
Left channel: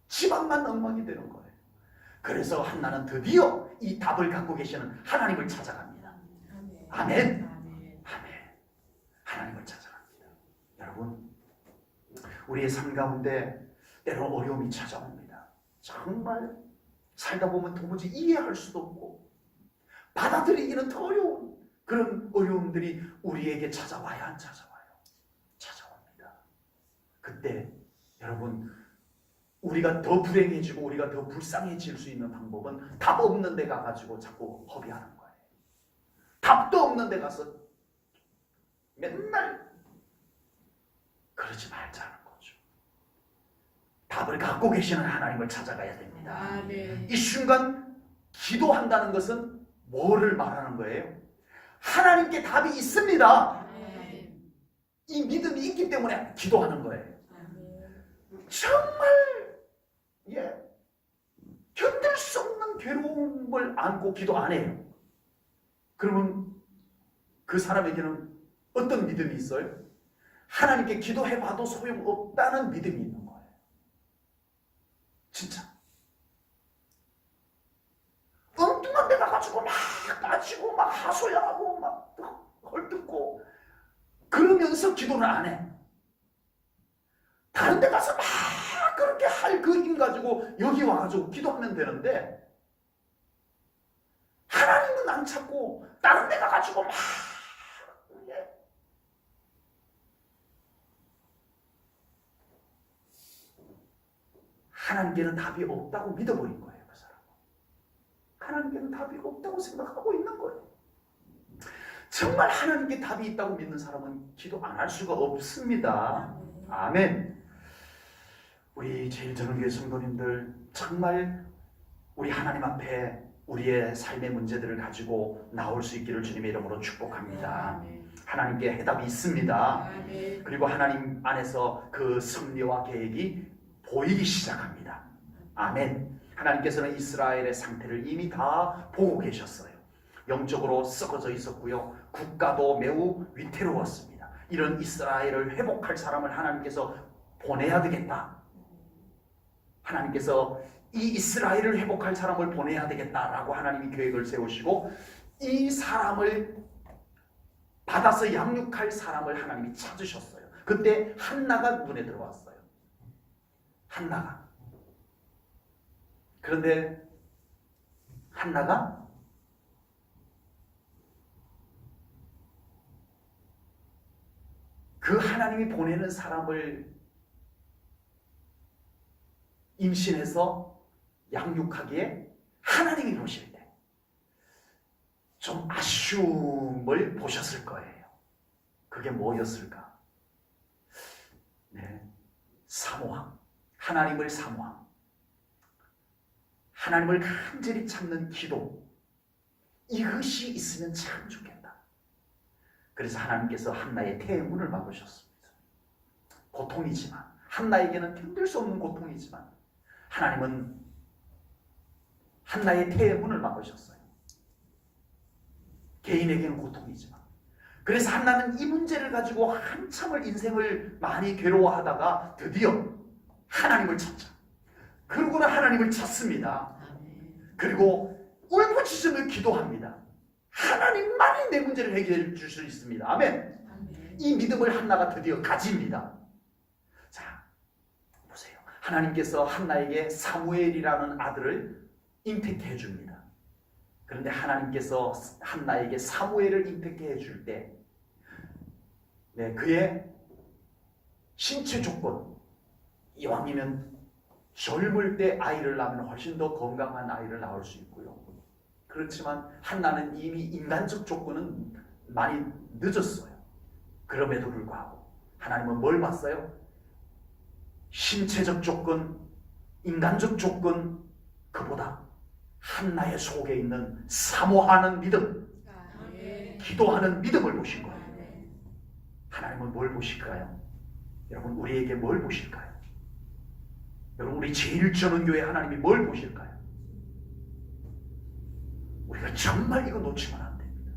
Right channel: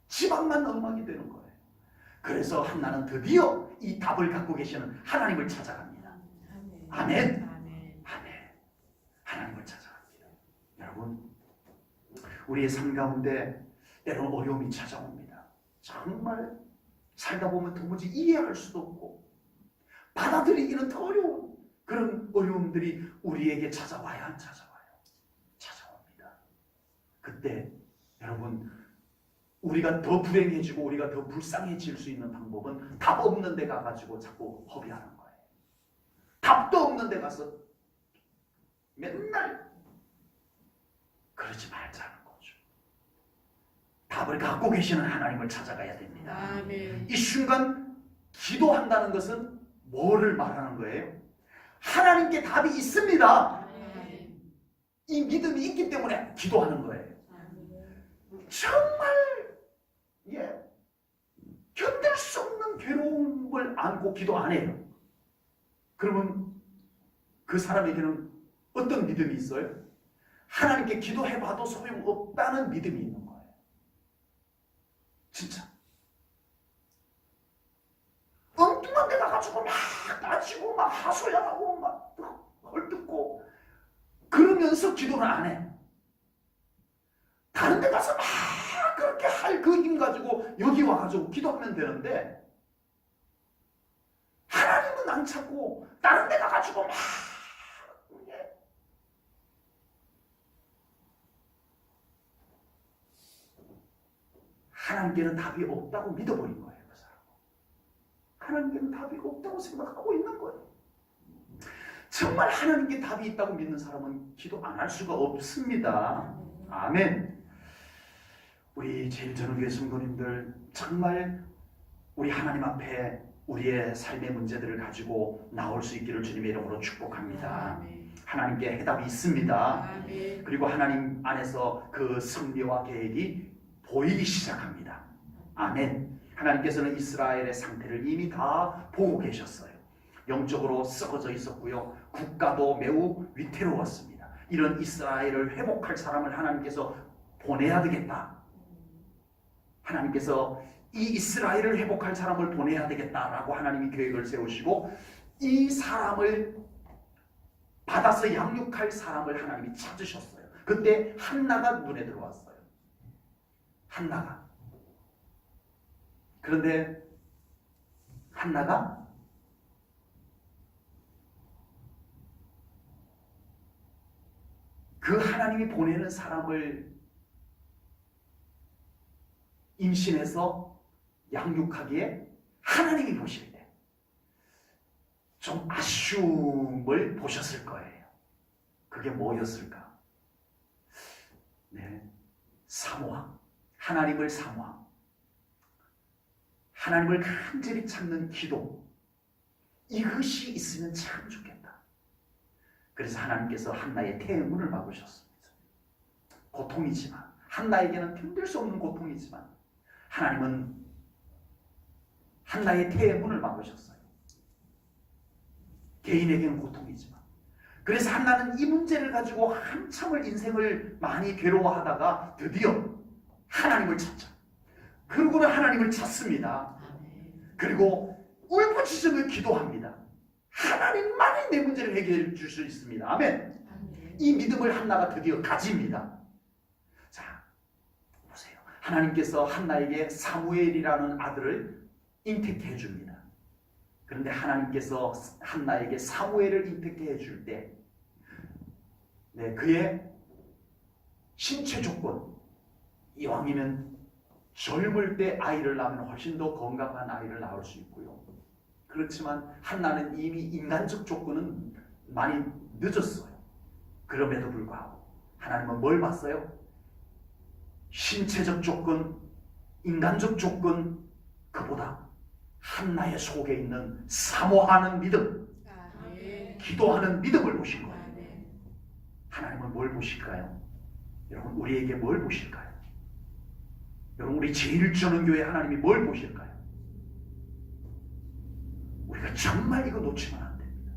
집안만 엉망이 되는 거예요. 그래서 한나는 드디어 이 답을 갖고 계시는 하나님을 찾아갑니다. 아멘. 아멘. 하나님을 찾아갑니다. 여러분 우리의 삶 가운데 때로 어려움이 찾아옵니다. 정말 살다 보면 도무지 이해할 수도 없고 받아들이기는 더 어려운 그런 어려움들이 우리에게 찾아와야 안 찾아와요? 찾아옵니다. 그때 여러분 우리가 더 불행해지고 우리가 더 불쌍해질 수 있는 방법은 답 없는 데 가가지고 자꾸 허비하는 거예요. 답도 없는 데 가서 맨날 그러지 말자는 거죠. 답을 갖고 계시는 하나님을 찾아가야 됩니다. 아멘. 이 순간 기도한다는 것은 뭐를 말하는 거예요? 하나님께 답이 있습니다. 아멘. 이 믿음이 있기 때문에 기도하는 거예요. 아멘. 정말 견딜 수 없는 괴로움을 안고 기도 안 해요. 그러면 그 사람에게는 어떤 믿음이 있어요? 하나님께 기도해봐도 소용없다는 믿음이 있는 거예요. 진짜 엉뚱한 데 가가지고 막 빠지고 막 하소연하고 막 헐뜯고 그러면서 기도를 안 해. 다른 데 가서 막 그렇게 할 그 힘 가지고 여기 와가지고 기도하면 되는데 하나님은 안 찾고 다른 데 가가지고 막 하나님께는 답이 없다고 믿어버린 거예요. 그 사람. 하나님께는 답이 없다고 생각하고 있는 거예요. 정말 하나님께 답이 있다고 믿는 사람은 기도 안 할 수가 없습니다. 아멘. 우리 제일전을 위해 성도님들 정말 우리 하나님 앞에 우리의 삶의 문제들을 가지고 나올 수 있기를 주님의 이름으로 축복합니다. 아멘. 하나님께 해답이 있습니다. 아멘. 그리고 하나님 안에서 그 섭리와 계획이 보이기 시작합니다. 아멘. 하나님께서는 이스라엘의 상태를 이미 다 보고 계셨어요. 영적으로 썩어져 있었고요. 국가도 매우 위태로웠습니다. 이런 이스라엘을 회복할 사람을 하나님께서 보내야 되겠다. 하나님께서 이 이스라엘을 회복할 사람을 보내야 되겠다라고 하나님이 계획을 세우시고 이 사람을 받아서 양육할 사람을 하나님이 찾으셨어요. 그때 한나가 눈에 들어왔어요. 한나가. 그런데 한나가 그 하나님이 보내는 사람을 임신해서 양육하기에 하나님이 보실 때 좀 아쉬움을 보셨을 거예요. 그게 뭐였을까? 네, 사모함. 하나님을 사모함. 하나님을 간절히 찾는 기도. 이것이 있으면 참 좋겠다. 그래서 하나님께서 한나의 태문을 막으셨습니다. 고통이지만, 한나에게는 힘들 수 없는 고통이지만 하나님은 한나의 태문을 막으셨어요. 개인에게는 고통이지만. 그래서 한나는 이 문제를 가지고 한참을 인생을 많이 괴로워하다가 드디어 하나님을 찾자. 그러고는 하나님을 찾습니다. 그리고 울부짖으며 기도합니다. 하나님만이 내 문제를 해결해 줄 수 있습니다. 아멘. 이 믿음을 한나가 드디어 가집니다. 자, 보세요. 하나님께서 한나에게 사무엘이라는 아들을 잉태케 해줍니다. 그런데 하나님께서 한나에게 사무엘을 잉태케 해줄 때 그의 신체 조건, 이왕이면 젊을 때 아이를 낳으면 훨씬 더 건강한 아이를 낳을 수 있고요. 그렇지만 한나는 이미 인간적 조건은 많이 늦었어요. 그럼에도 불구하고 하나님은 뭘 봤어요? 신체적 조건, 인간적 조건, 그보다 한나의 속에 있는 사모하는 믿음, 기도하는 믿음을 보신 거예요. 하나님은 뭘 보실까요? 여러분, 우리에게 뭘 보실까요? 여러분, 우리 제1전원교회 하나님이 뭘 보실까요? 우리가 정말 이거 놓치면 안 됩니다.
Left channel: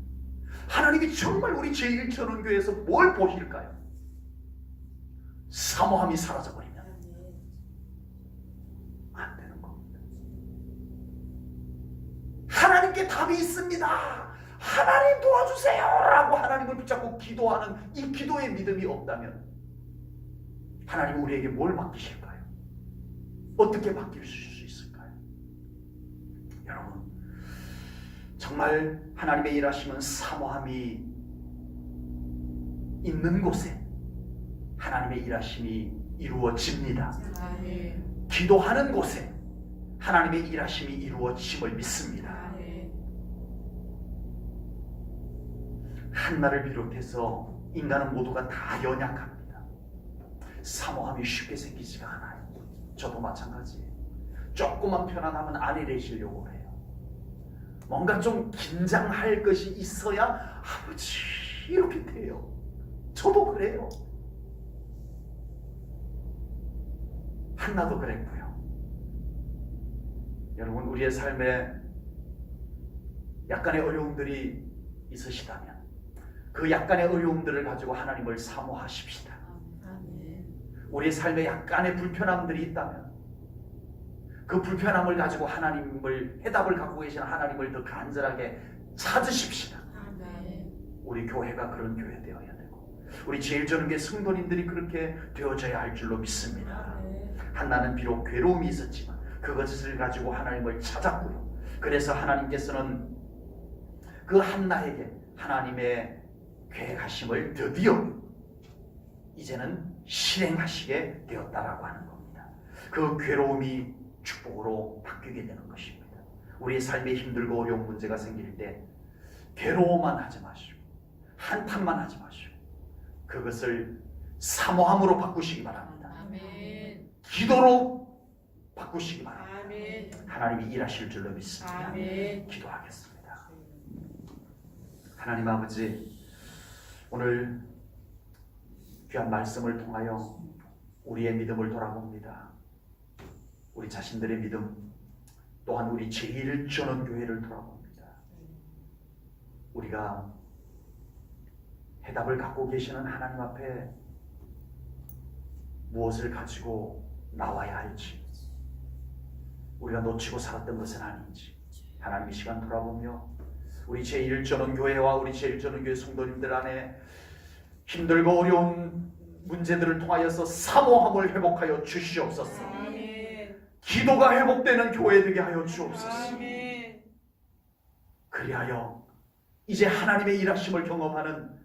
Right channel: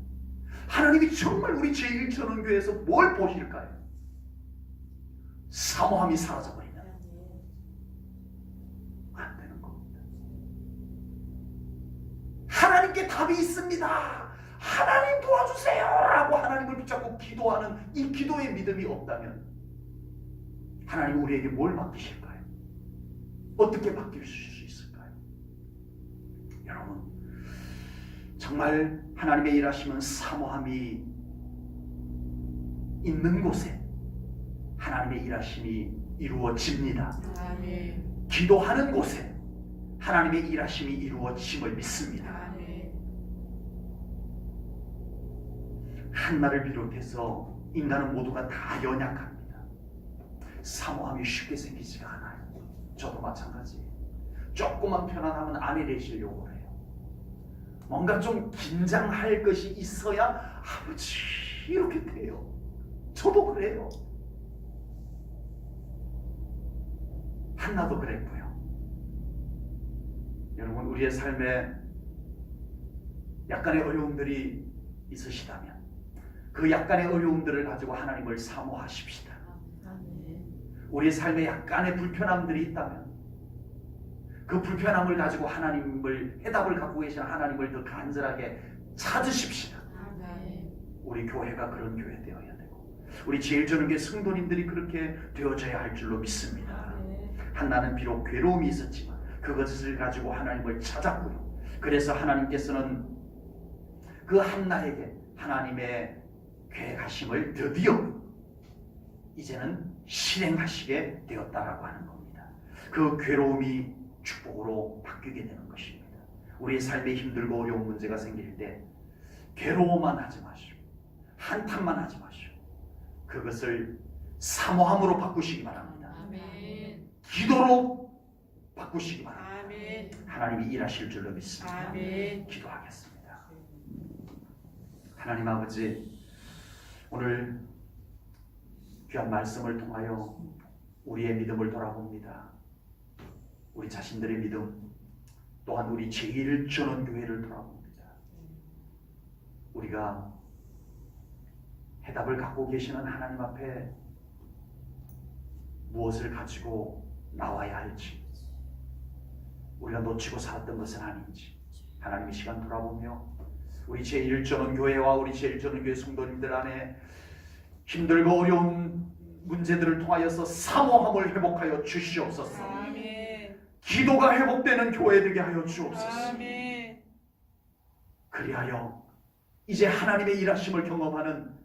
하나님이 정말 우리 제1전원교회에서 뭘 보실까요? 사모함이 사라져버리면 안 되는 겁니다. 하나님께 답이 있습니다. 하나님 도와주세요 라고 하나님을 붙잡고 기도하는 이 기도의 믿음이 없다면 하나님 우리에게 뭘 맡기실까요? 어떻게 바뀔 수 있을까요? 여러분, 정말 하나님의 일하심은 사모함이 있는 곳에 하나님의 일하심이 이루어집니다. 기도하는 곳에 하나님의 일하심이 이루어짐을 믿습니다. 한나를 비롯해서 인간은 모두가 다 연약합니다. 사모함이 쉽게 생기지가 않아요. 저도 마찬가지예요. 조금만 편안하면 안에 내시려고 해요. 뭔가 좀 긴장할 것이 있어야 아버지 이렇게 돼요. 저도 그래요. 한나도 그랬고요. 여러분, 우리의 삶에 약간의 어려움들이 있으시다면 그 약간의 어려움들을 가지고 하나님을 사모하십시다. 우리의 삶에 약간의 불편함들이 있다면 그 불편함을 가지고 하나님을, 해답을 갖고 계신 하나님을 더 간절하게 찾으십시다. 우리 교회가 그런 교회 되어야 되고 우리 제1전원교회 성도님들이 그렇게 되어져야 할 줄로 믿습니다. 한나는 비록 괴로움이 있었지만 그것을 가지고 하나님을 찾았고요. 그래서 하나님께서는 그 한나에게 하나님의 계획하심을 드디어 이제는 실행하시게 되었다라고 하는 겁니다. 그 괴로움이 축복으로 바뀌게 되는 것입니다. 우리의 삶에 힘들고 어려운 문제가 생길 때 괴로워만 하지 마시고 한탄만 하지 마시고 그것을 사모함으로 바꾸시기 바랍니다. 기도로 바꾸시기 바랍니다. 아멘. 하나님이 일하실 줄로 믿습니다. 아멘. 기도하겠습니다. 하나님 아버지, 오늘 귀한 말씀을 통하여 우리의 믿음을 돌아봅니다. 우리 자신들의 믿음, 또한 우리 제1전원교회를 돌아봅니다. 우리가 해답을 갖고 계시는 하나님 앞에 무엇을 가지고 나와야 할지, 우리가 놓치고 살았던 것은 아닌지 하나님 이 시간 돌아보며 우리 제1전원교회와 우리 제1전원교회 성도님들 안에 힘들고 어려운 문제들을 통하여서 사모함을 회복하여 주시옵소서. 아멘. 기도가 회복되는 교회 되게 하여 주옵소서. 아멘. 그리하여 이제 하나님의 일하심을 경험하는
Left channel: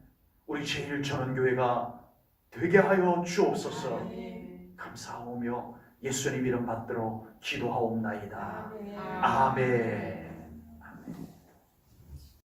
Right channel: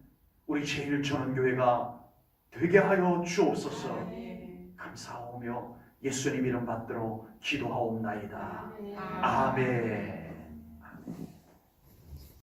우리 제1전원교회가 되게 하여 주옵소서. 아멘. 감사하오며 예수님 이름 받들어 기도하옵나이다. 아멘. 아멘.